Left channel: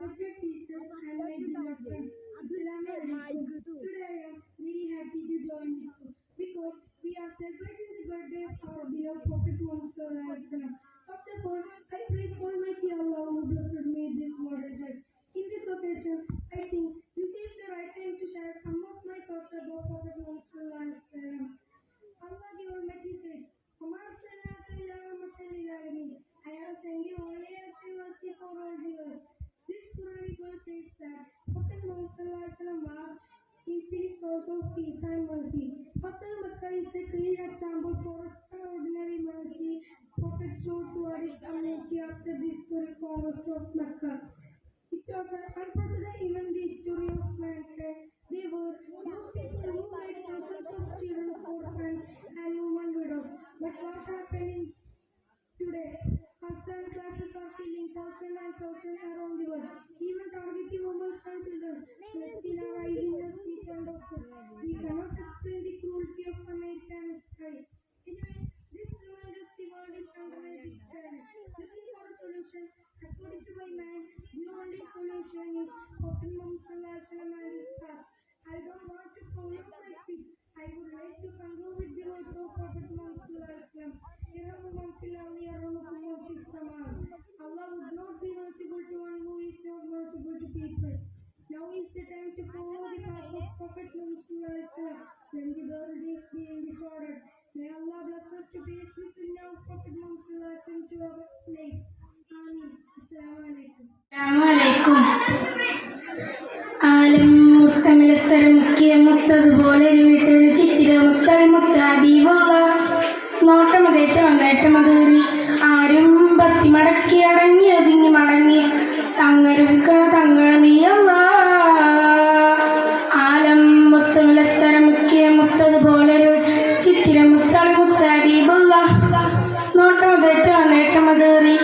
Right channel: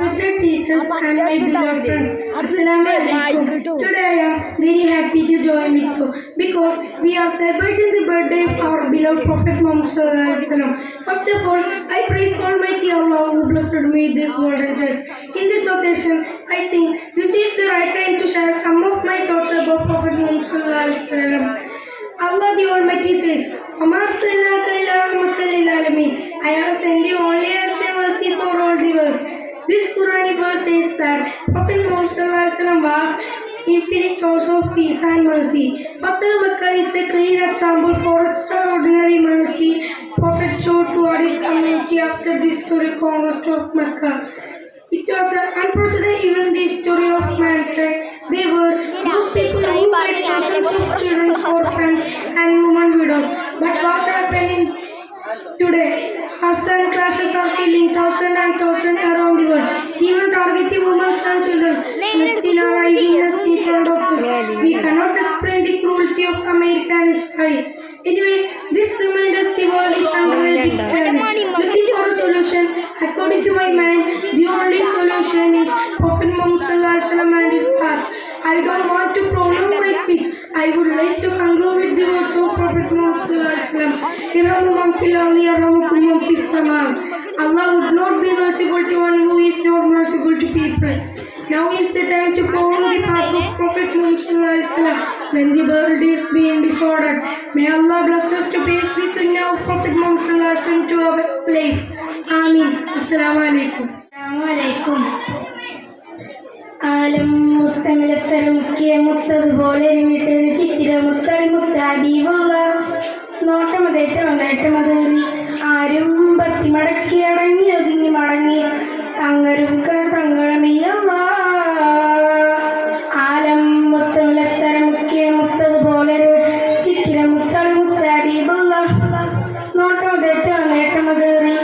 respected teachers and my beloved friends. Assalamu alaikum. Today I am very happy to join with you because we are celebrating the birthday of our beloved Prophet Muhammad Sallallahu Alaihi Wasallam. First of all, I praise Almighty Allah who blessed me with this golden chance. In this occasion, I think this is the right time to share some of my thoughts about Prophet Muhammad Sallallahu Alaihi Wasallam. Allah the Almighty says, "Amar sallallahu ila rahmatal lil. I have sent you only as a mercy for all the worlds. This Quranic verse says that Prophet Muhammad was infinite source of peace and mercy. Fatah Makkah is a clear example for extraordinary mercy Prophet showed toward his community after the historic conquest of Mecca. It was an unprecedented event in the history of mankind. They were those people who made thousands of children orphans and women widows. But what happened in today? Arson clashes are killing thousands and thousands around the world. Targeting women and children. Witness in front of us. We cannot explain the cruelty of America and Israel. Anyway, this reminds us the world is a big challenge. Looking for a solution, according to my mind, the only solution is Prophet Muhammad and his path. I don't want to prolong my speech. I would like to conclude with the words of Prophet Muhammad. "Irhamu man fil ardi yarhamukum man fis sama." Allah would not be merciful to one who is not merciful to people. Now is the time to follow the path of Prophet Muhammad when the world is being disordered. May Allah bless us to pace the sunnah of Prophet Muhammad to our life. Ameen. Assalamu alaikum. Assalamu alaikum. ആലം മുത്തമിലത്തര മുക്കിയ മുത്തതുപോലെ ഒരു വീട്ടിൽ ചിത്തിര മുത്തളി മുത്താബീവുള്ള നോട്ടമതേറ്റം നേട്ടമതേറി ആരും പത്തി മടക്കി അടങ്ങി ഒതുങ്ങി മടങ്ങിയ തങ്ങരും തങ്ങളമിയല്ല ആലം മുത്തമിലത്തര മുക്കിയ മുത്തത് പോലൊരു ചിത്തിര മുത്തൽ മുത്താബീവുള്ള നോട്ടമതേറ്റം നേട്ടമതേറി